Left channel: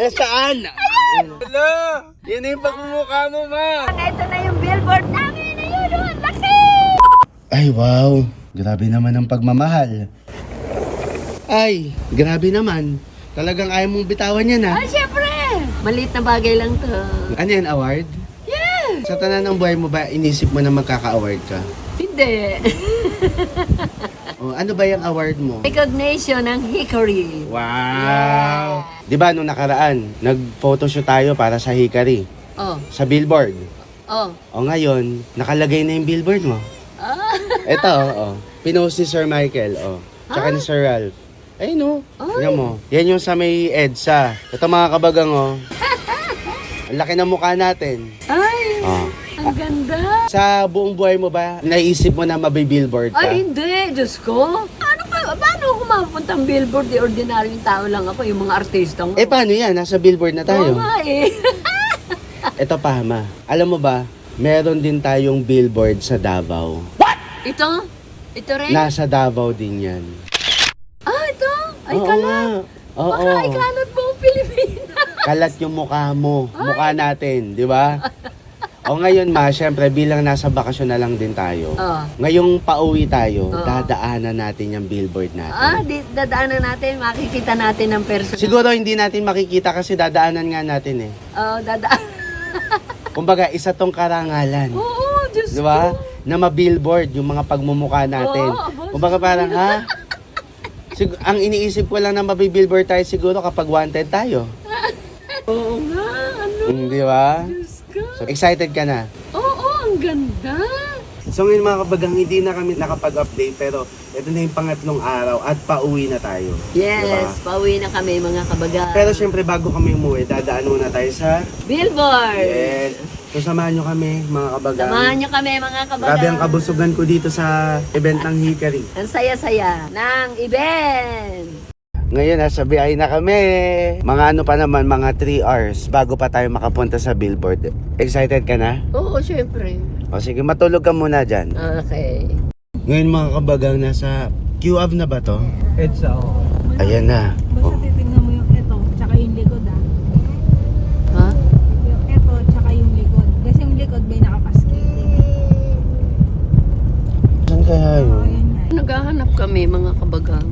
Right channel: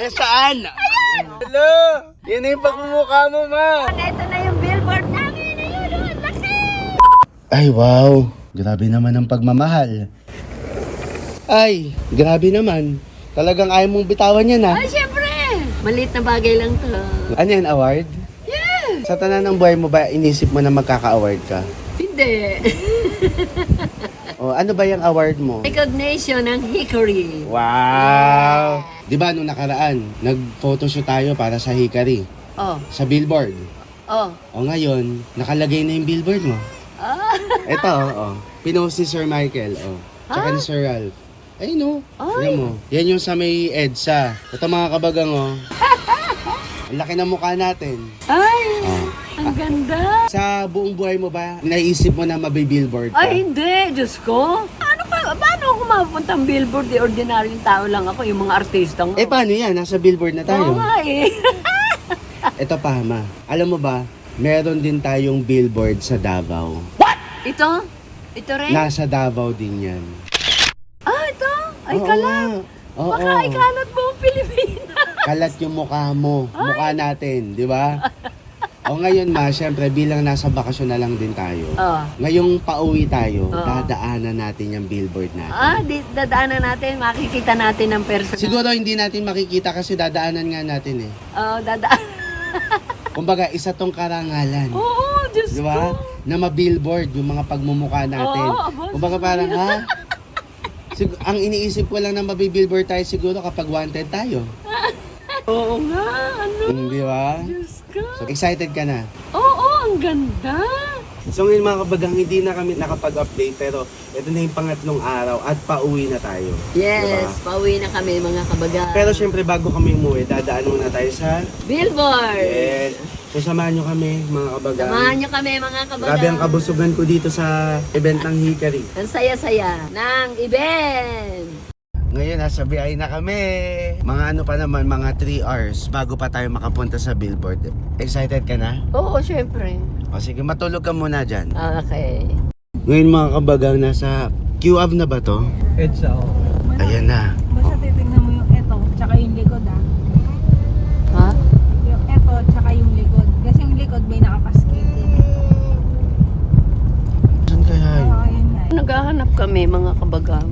Eh, saan? Hello! Yan yung pagmumukha mo, ma! Ito na yung billboard namin. Ayun, oh, ang laki! Ay, wow! Grabe naman ang pagmamahal. Ay, grabe naman. Talagang ayaw mong bitawan yan, ha? Ay, syempre! Maliit na bagay lang to. Ano yan, award? Yeah! Sa tanan ng buhay mo ba, inisip mo na magkaka-award ka? Hindi. O, ano ba yung award mo? Recognition ng Hickory. Wow! Di ba, nung nakaraan, nag-photoshoot tayo para sa Hickory, Oh, sa billboard. oh. O ngayon, nakalagay na yung billboard mo. Ah, Ito, pinost ni Sir Michael, tsaka ni Sir Ralph. Ay, no. Tingnan mo. Yan yung sa may EDSA. Ito mga kabagang, Ang laki ng mukha natin. ay, ang ganda. Sa buong buhay mo ba, naisip mo na mabibillboard ka? Ay, hindi. Diyos ko. Ano pa? Paano ako mapupuntang billboard? Di ordinaryong tao lang ako. Yung mga artista nga. Eh, paano yan? Nasa billboard na Oo tayo. nga eh. Ito pa, ma. Alam mo ba, meron din tayong billboard sa Davao. Ito? Ito rin? Nasa Davao din yan. Ah, ito? Ay, Oo kalat. nga. Oo. Baka ay kalat buong Pilipinas. Kalat yung mukha mo. Mukha natin, di ba? O ngayon, ma, syempre, bilang nasa bakasyon na lang din tayo. Oh. Ngayong pauwi tayo, Oo. dadaanan natin yung billboard natin. Ah, dadaanan natin. Makikita natin ng personal. Siguro hindi natin makikita kasi dadaanan nga natin eh. Oo, dadaan. Kumbaga, isa tong karangalan. Oo, Diyos Di ba? ko. Na ma-billboard yung mga pagmumukha natin. Oo, Kumbaga parang, ha? Ang iniisip ko lang na mabibillboard tayo siguro kapag wanted tayo. Oo nga, ano? Di ba? Diyos ko. So, excited ka na? Oo, ang ganda. So ngayon mga kabagang, hindi na kami nakapag-update pero ito na yung pangatlong araw at pauwi na tayo. Yes, Diba? pauwi na kami mga kabaga. Pero syempre bago kami umuwi, dadaan muna tayo sa... Billboard! Yes. So samahan nyo kami mga kabagang. Samahan nyo kami mga kabaga. Grabe ang kabusugan ko dito sa event ng Hickory. Ang saya-saya ng event. Ngayon nasa biyahe na kami. Mga ano pa naman, mga 3 hours bago pa tayo makapunta sa billboard. Excited ka na? Oo, syempre. O sige, matulog ka muna dyan. Okay. Ngayon mga kabagang, nasa QAV na ba to? EDSA, oo. Ayan na. Basta titignan mo yung eto, tsaka yung likod Ha? Yung eto, tsaka yung likod. Kasi yung likod may nakapaskiti. Saan kaya yun? Ayan nga. Naghahanap kami mga kabaga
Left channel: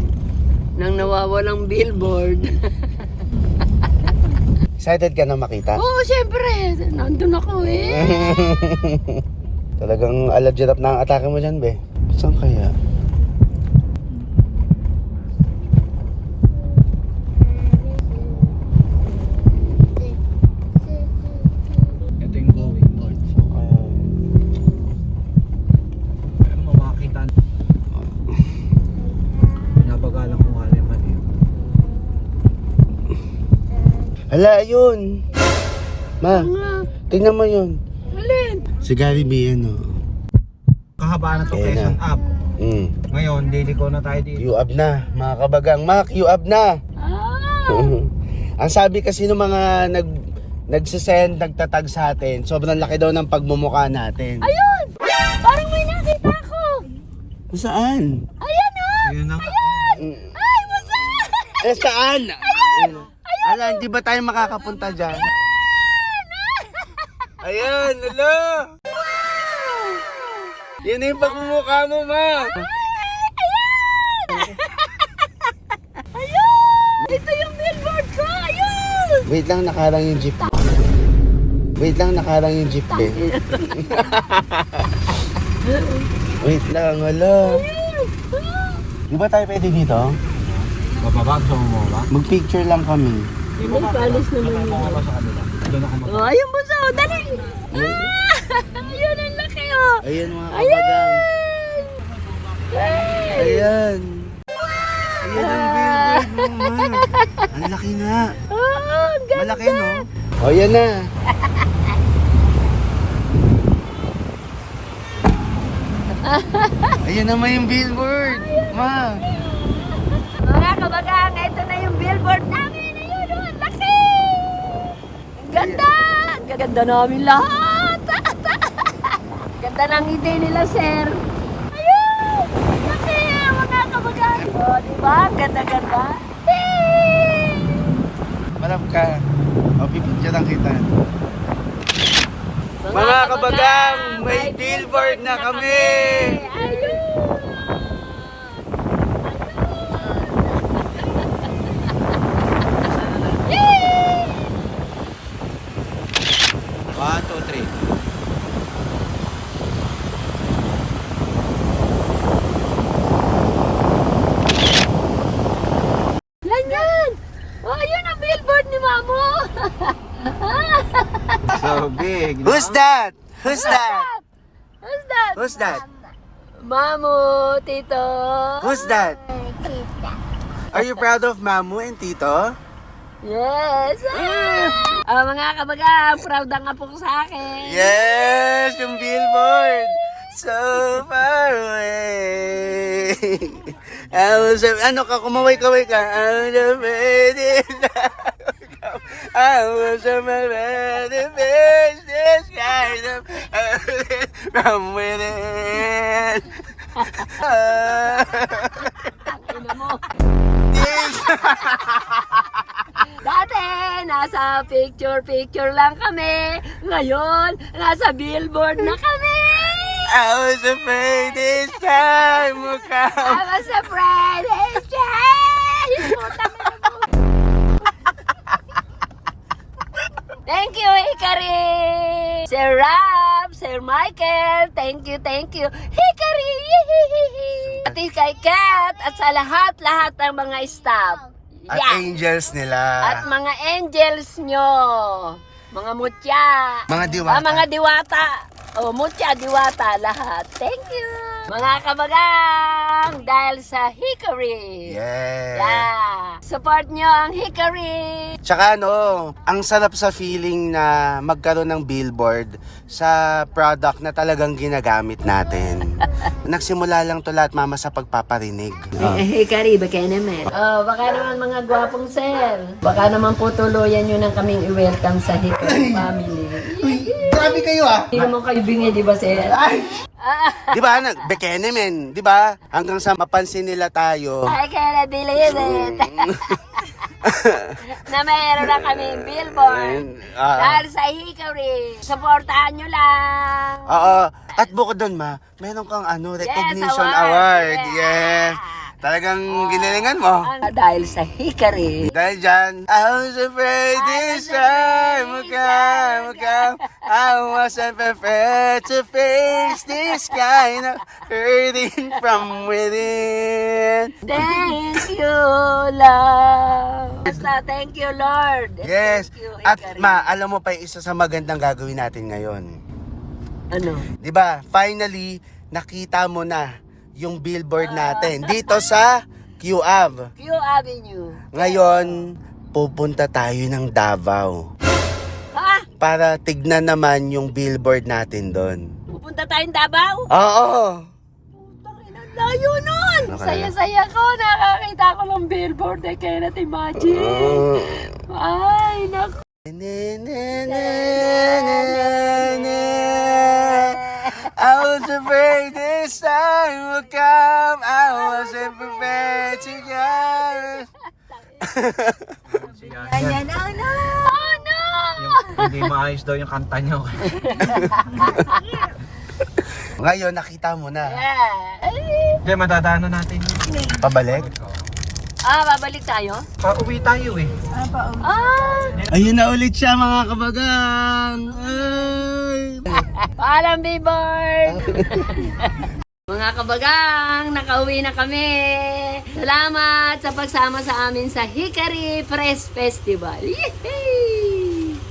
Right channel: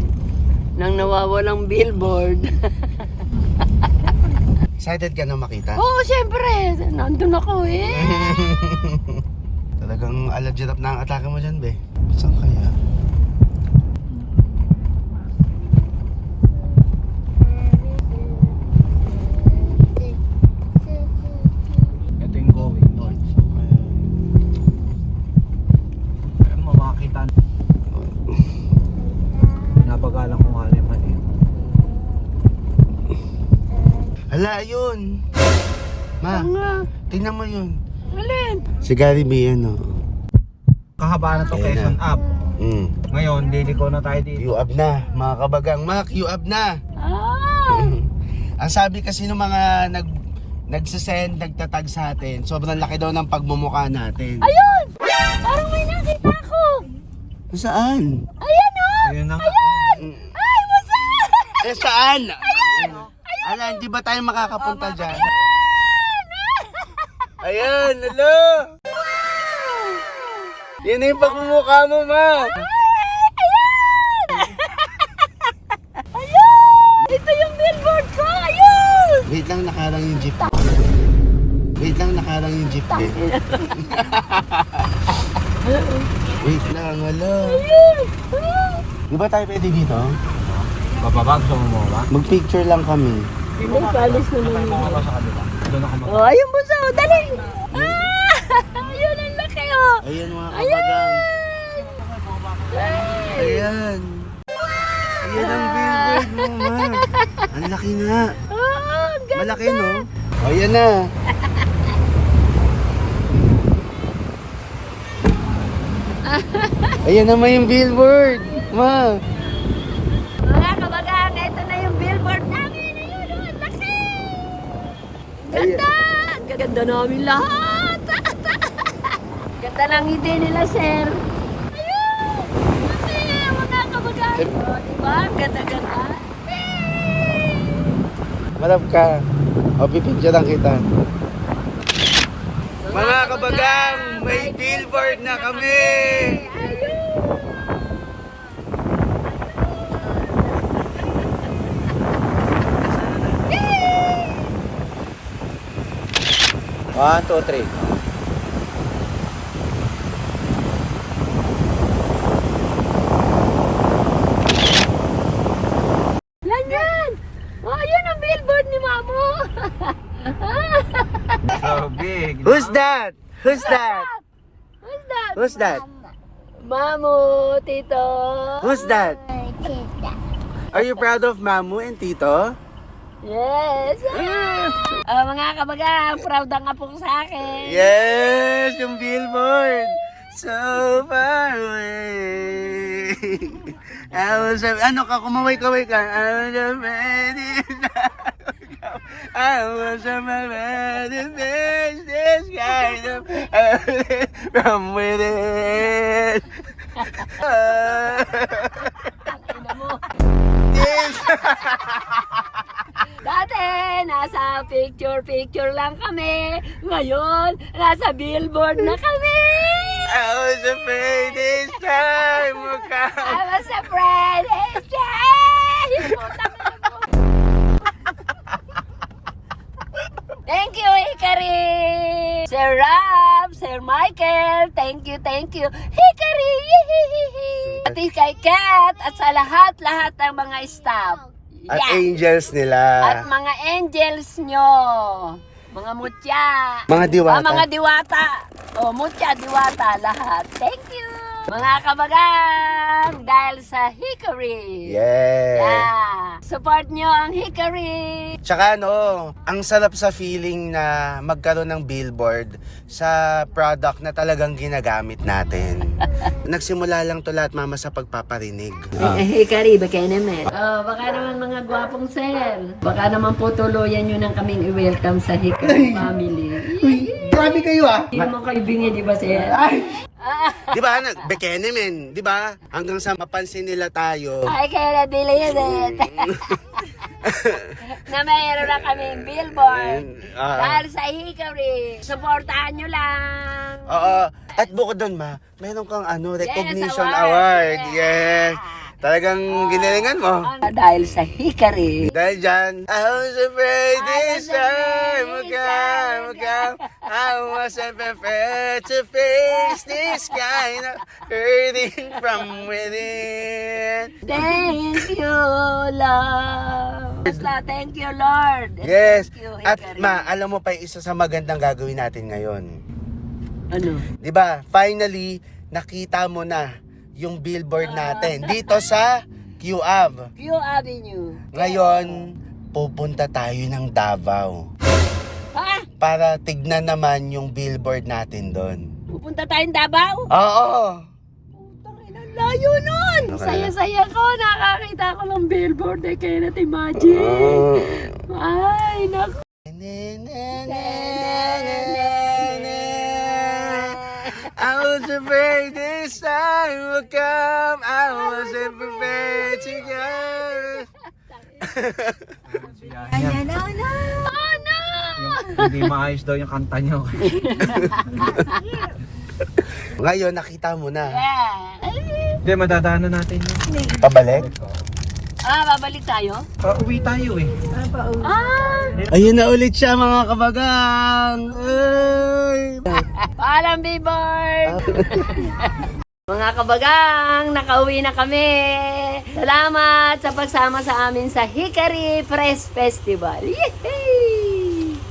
ng nawawalang billboard. Excited ka na makita? Oo, syempre. Nandun ako eh. Talagang alad-jirap na ang atake mo dyan, be. Saan kaya? Ito yung going north. Pero mamakita. Napagalang kung alin man yun. Hala, yun! Ma, Nga. tingnan mo yun. Alin? Si Gary B, ano? Kahaba na to Ayan Quezon na. up. Mm. Ngayon, liliko na tayo dito. QAV na, mga kabagang. Ma, QAV na! Ah! Ang sabi kasi ng mga nagsisend, nagtatag sa atin, sobrang laki daw ng pagmumukha natin. Ayun! Parang may nakita ako! Saan? Ayan oh! Ayun na nga. Ay, wasa! Eh, saan? Ayun! Ala, hindi ba tayo makakapunta dyan? Ayan, hello! Yan na yung pagmumukha mo, ma! Ayun! Ito yung billboard ko! Ayun! Wait lang, nakarang yung jeep. Wait lang, nakarang yung jeep, eh. Wait lang, hello. Di ba tayo pwede dito? Bababa, bumumula. Mag-picture lang kami. Hindi, palis naman yun. Doon ako Oh, ayun buso! Dali! Ah! Ayun, ang laki oh! Ayan mga Ayan! kabagang. Ay! Ayan. Ayan ang billboard mo, ma. Ang laki nga. Oh, ang ganda! Malaki, no? O, yan na. Ayan naman yung billboard. Wow. Mga kabagang, ito na yung billboard namin! Ayun, oh, ang laki! Ganda! Ang ganda namin lahat! Ganda ng ngiti nila, sir! Ayun! Kasi, mga kabagang! O, diba? Ganda-ganda! Harap ka. Mapipicture lang kita. Mga kabagang, may billboard na kami! Ayun! One, two, three. Yan! Oh, yun ang billboard ni Mamo! So big. Who's that? Who's that? Who's that? Who's that? Mamo, Tito. Who's that? Are you proud of Mamu and Tito? Yes! Mga kabagang, proud ang apo ko sa akin. Yes! Yung billboard! So far away. Ano ka? Kumaway-kaway ka. I was a man to face this kind of from within. This. Dati, nasa picture lang kami. Ngayon, nasa billboard na kami. I was afraid this time would come. I was afraid it's change. Thank you, Hikari! Sir Rab, Sir Michael, thank you. Hikari! Ati kay Kat at sa lahat ng mga staff. At Yeah. angels nila. At mga angels nyo. Mga mutya. Mga diwata. Mga diwata. O, mutya, diwata, lahat. Thank you. Mga kabagang, dahil sa Hickory. Yeah. Yeah. Support nyo ang Hickory. Tsaka ang sarap sa feeling na magkaroon ng billboard sa product na talagang ginagamit natin. Nagsimula lang to lahat, mama, sa pagpaparinig. Hickory, baka naman. Oh, baka naman mga gwapong sir. Baka naman po tuluyan nyo nang kaming i-welcome sa Hickory family. Grabe kayo ah! Hindi naman kayo bingi, di ba sir? Di ba, Bekenemen, di ba? Hanggang sa mapansin nila tayo. I can't believe it. Na mayroon na kaming billboard. Dahil sa Hickory. Supportahan nyo lang. Oo. At bukod doon, meron kang recognition Yes, award. award. Yeah. Talagang ginalingan mo. Dahil sa Hickory. Dahil dyan, I was afraid this time would come. I wasn't prepared to face this kind of hurting from within. Thank you, Lord. Basta, thank you, Lord. Yes. Thank you, At Hickory. alam mo pa yung isa sa magandang gagawin natin ngayon. Ano? Di ba? Finally, nakita mo na yung billboard natin dito sa QAV. Q Avenue. Ngayon, pupunta tayo ng Davao Ha? para tignan naman yung billboard natin doon. Pupunta tayong Davao? Oo. Ang layo nun! Okay. Saya-saya ko. Nakakita ko ng billboard. I cannot imagine. Ay, naku. I was afraid this time would come. I wasn't prepared to go. Oh, no! Hindi maayos daw yung kanta niyo. Ngayon, nakita mo na. Yeah. Hindi, madadaanan natin yun. Pabalik? Babalik tayo? Pauwi tayo eh. Ayun na ulit siya, mga kabagang. Ay! Paalam, billboard! Mga kabagang, nakauwi na kami. Salamat sa pagsama sa amin sa Hickory Press Festival. Yehey!